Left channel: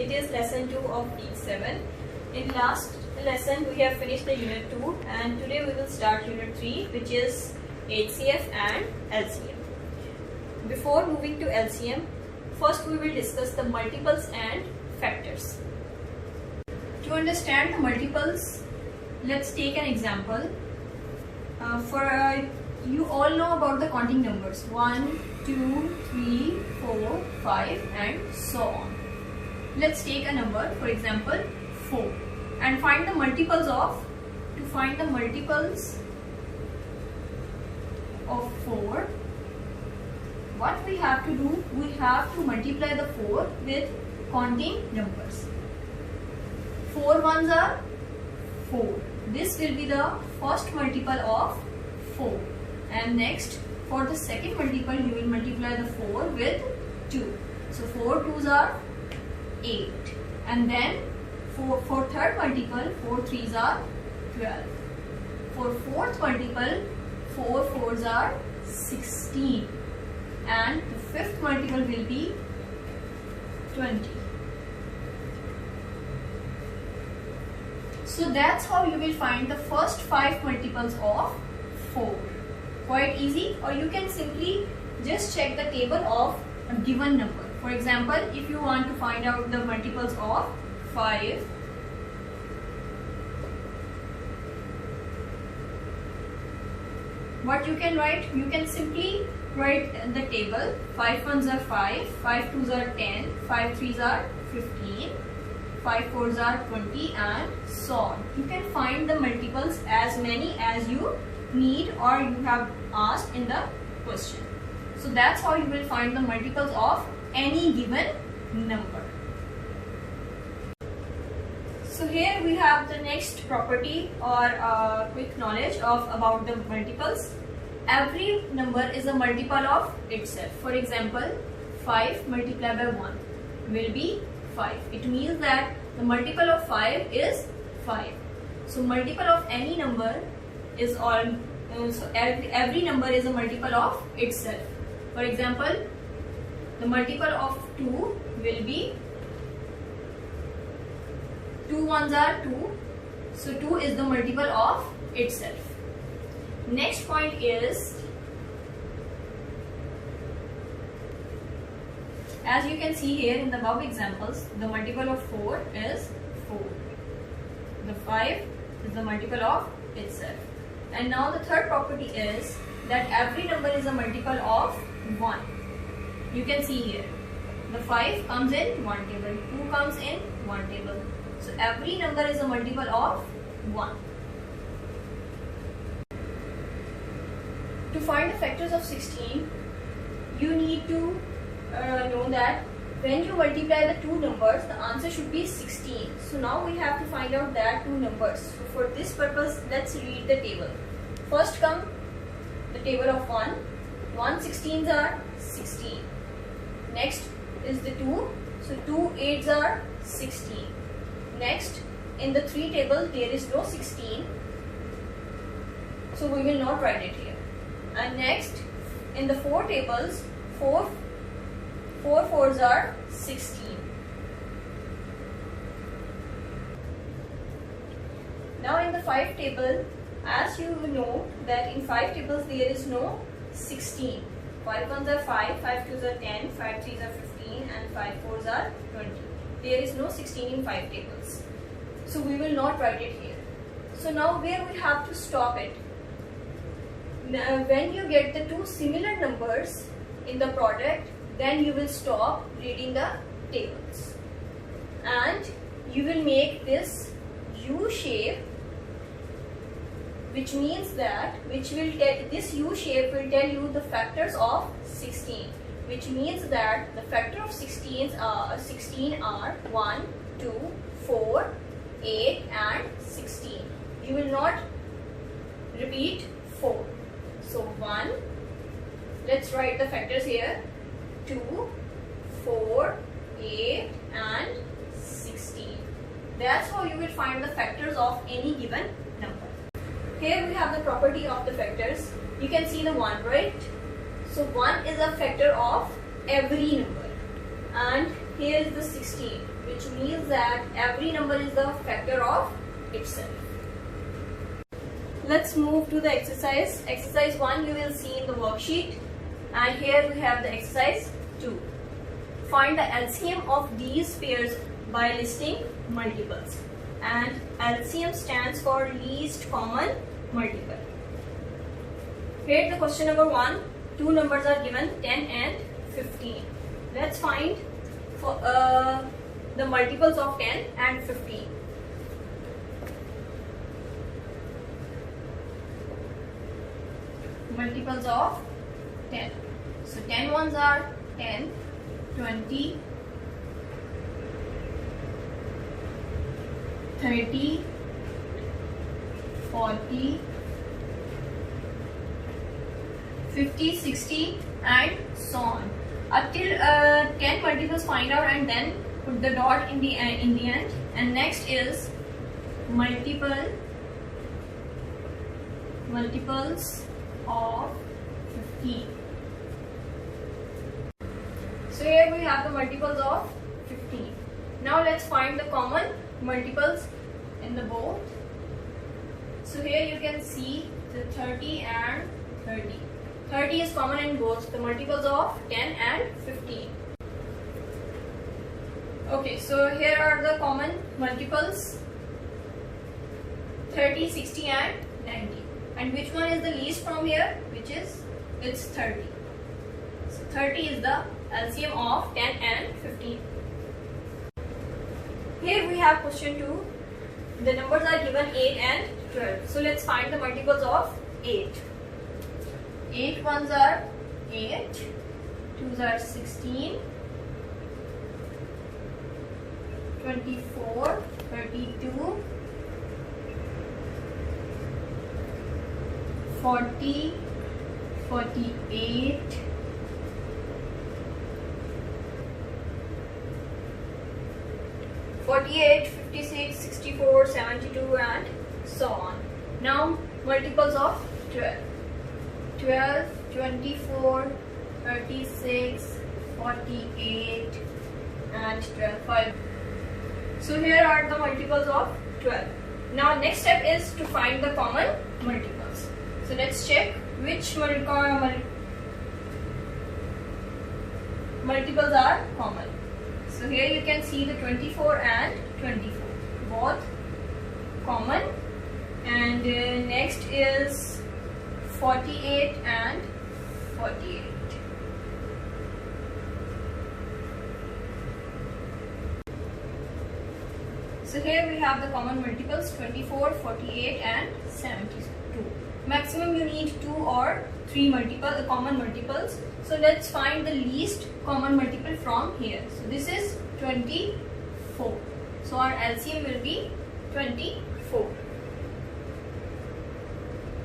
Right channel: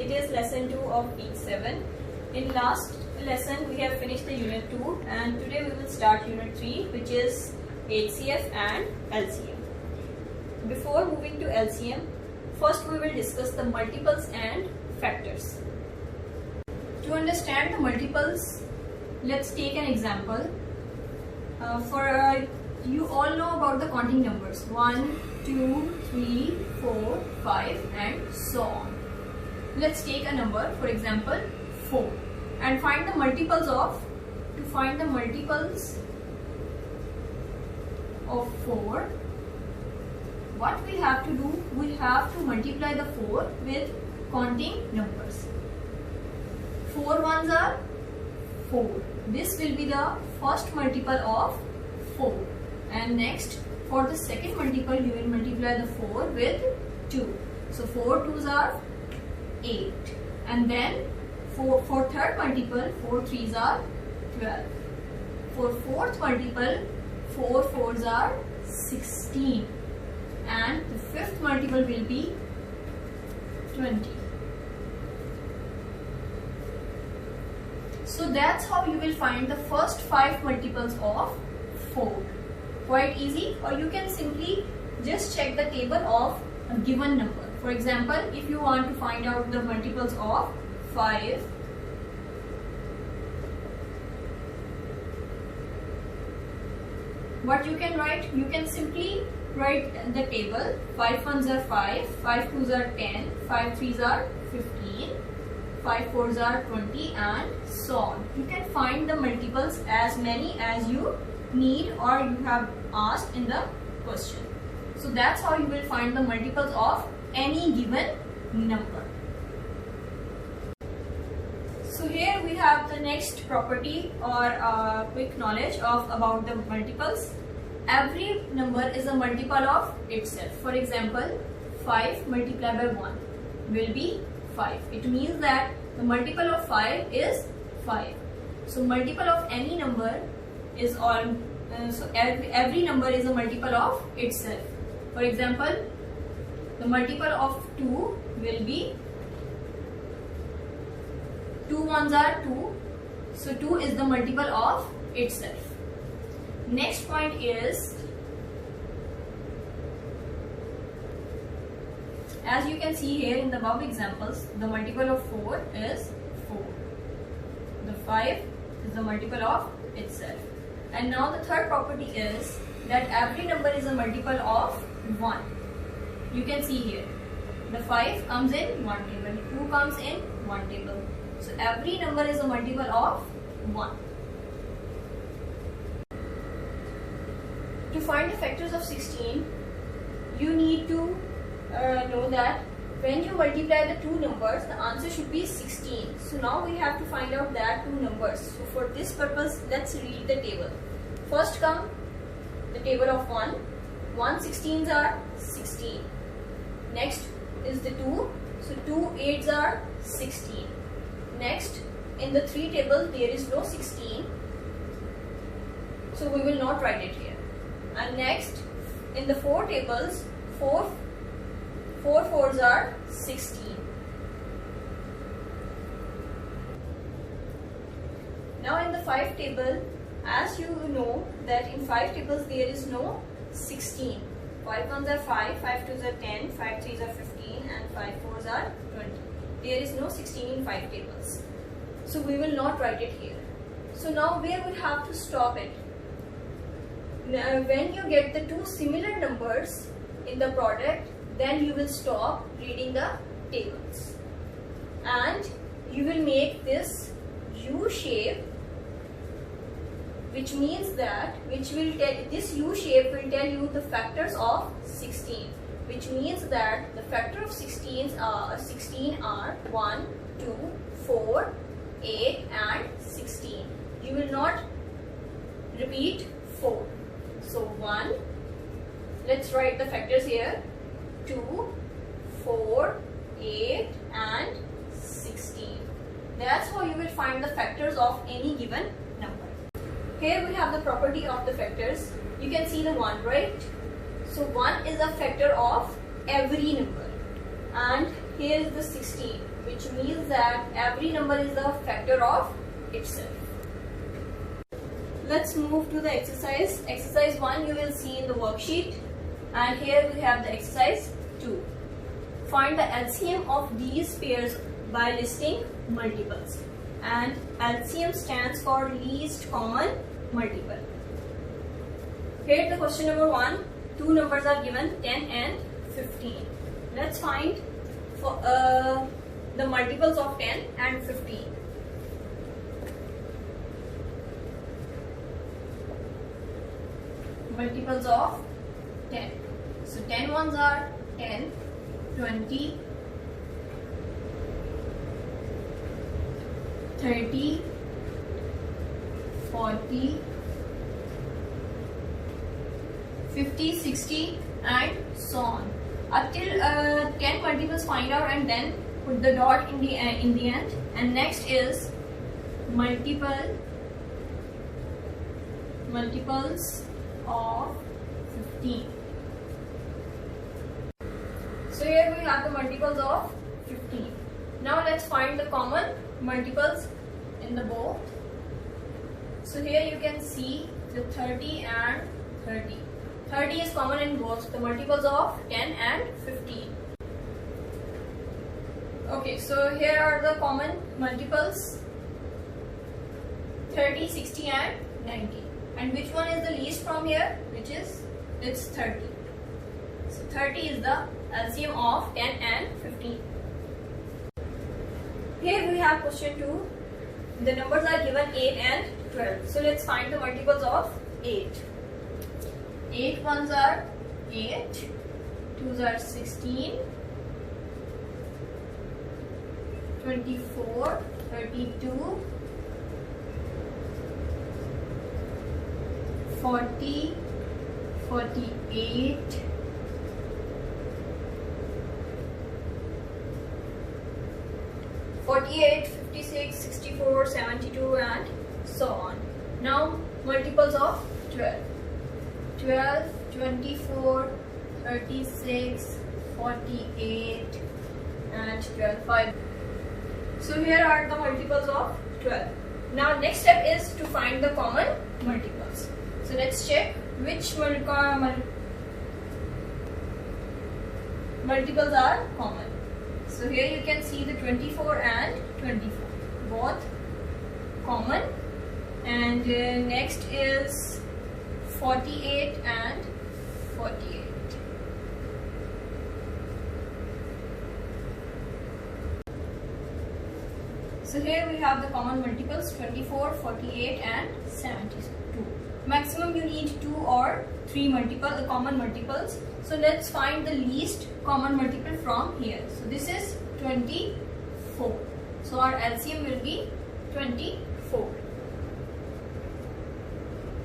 it is lesson 2 of week 7. In last lesson we have finished the unit 2 and today we will start unit 3, which is HCF and LCM. Before moving to LCM, first we will discuss the multiples and factors. To understand the multiples, let's take an example. You all know about the counting numbers 1, 2, 3, 4, 5 and so on. Let's take a number, for example 4, and find the multiples of. To find the multiples of 4, what we have to do, we have to multiply the 4 with counting numbers. 4 ones are 4. This will be the first multiple of 4. And next, for the second multiple, you will multiply the 4 with 2. So 4 twos are 8. And then for third multiple, 4 threes are 12. For fourth multiple, 4 fours are 16. And the fifth multiple will be 20. So that's how you will find the first 5 multiples of 4. Quite easy, or you can simply just check the table of a given number. For example, if you want to find out the multiples of 5, what you can write? You can simply write the table. 5 ones are 5, 5 twos are 10, 5 threes are 15, 5 fours are 20 and so on. You can find the multiples as many as you need or you have asked in the question. So that's how you will find the multiples of any given number. So here we have the next property or quick knowledge about the multiples. Every number is a multiple of itself. For example, 5 multiplied by 1 will be 5. It means that the multiple of 5 is 5. So multiple of any number is every number is a multiple of itself. For example, the multiple of 2 will be 2 ones are 2. So 2 is the multiple of itself. Next point is, as you can see here in the above examples, the multiple of 4 is 4. The 5 is the multiple of itself. And now the third property is that every number is a multiple of 1. You can see here, the 5 comes in one table, 2 comes in one table. So every number is a multiple of 1. To find the factors of 16, you need to know that when you multiply the two numbers, the answer should be 16. So now we have to find out that two numbers. So for this purpose, let's read the table. First come the table of 1. 1 16s are 16. Next is the 2. So 2 8s are 16. Next, in the 3 table, there is no 16. So we will not write it here. And next, in the 4 tables, 4 fours are 16. Now in the 5 table, as you know that in 5 tables there is no 16. 5 ones are 5, 5 twos are 10, 5 threes are 15 and 5 fours are 20. There is no 16 in 5 tables. So we will not write it here. So now where we have to stop it? Now, when you get the two similar numbers in the product, then you will stop reading the tables. And you will make this U shape, which means that this U shape will tell you the factors of 16, which means that the factor of 16 are 1, 2, 4, 8 and 16. You will not repeat 4. So 1, let's write the factors here, 2, 4, 8 and 16. That's how you will find the factors of any given number. Here we have the property of the factors. You can see the 1, right? So 1 is a factor of every number. And here is the 16, which means that every number is the factor of itself. Let's move to the exercise. Exercise 1 you will see in the worksheet, and here we have the exercise 2. Find the LCM of these pairs by listing multiples, and LCM stands for least common multiple. Here the question number 1, two numbers are given, 10 and 15. Let's find for the multiples of 10 and 15. Multiples of 10. So 10 ones are 10, 20, 30, 40, 50, 60 and so on. Up till 10 multiples find out and then put the dot in the end. And next is multiples of 15. So here we have the multiples of 15. Now let's find the common multiples in the both. So here you can see the 30 and 30. 30 is common in both the multiples of 10 and 15. Okay, so here are the common multiples 30, 60 and 90. And which one is the least from here? Which is, it's 30. So 30 is the LCM of 10 and 15. Here we have question 2. The numbers are given 8 and 12. So let's find the multiples of 8. 8 ones are 8, 2s are 16, 24, 32, 40, 48, 48, 56, 64, 72 and so on. Now multiples of 12. 12, 24, 36, 48 and 12. 5. So here are the multiples of 12. Now next step is to find the common multiples. So let's check which multiples are common. So here you can see the 24 and 24, both common. And next is 48 and 48. So here we have the common multiples 24, 48 and 72. Maximum you need 2 or 3 common multiples. So let's find the least common multiple from here. So this is 24. So our LCM will be 24.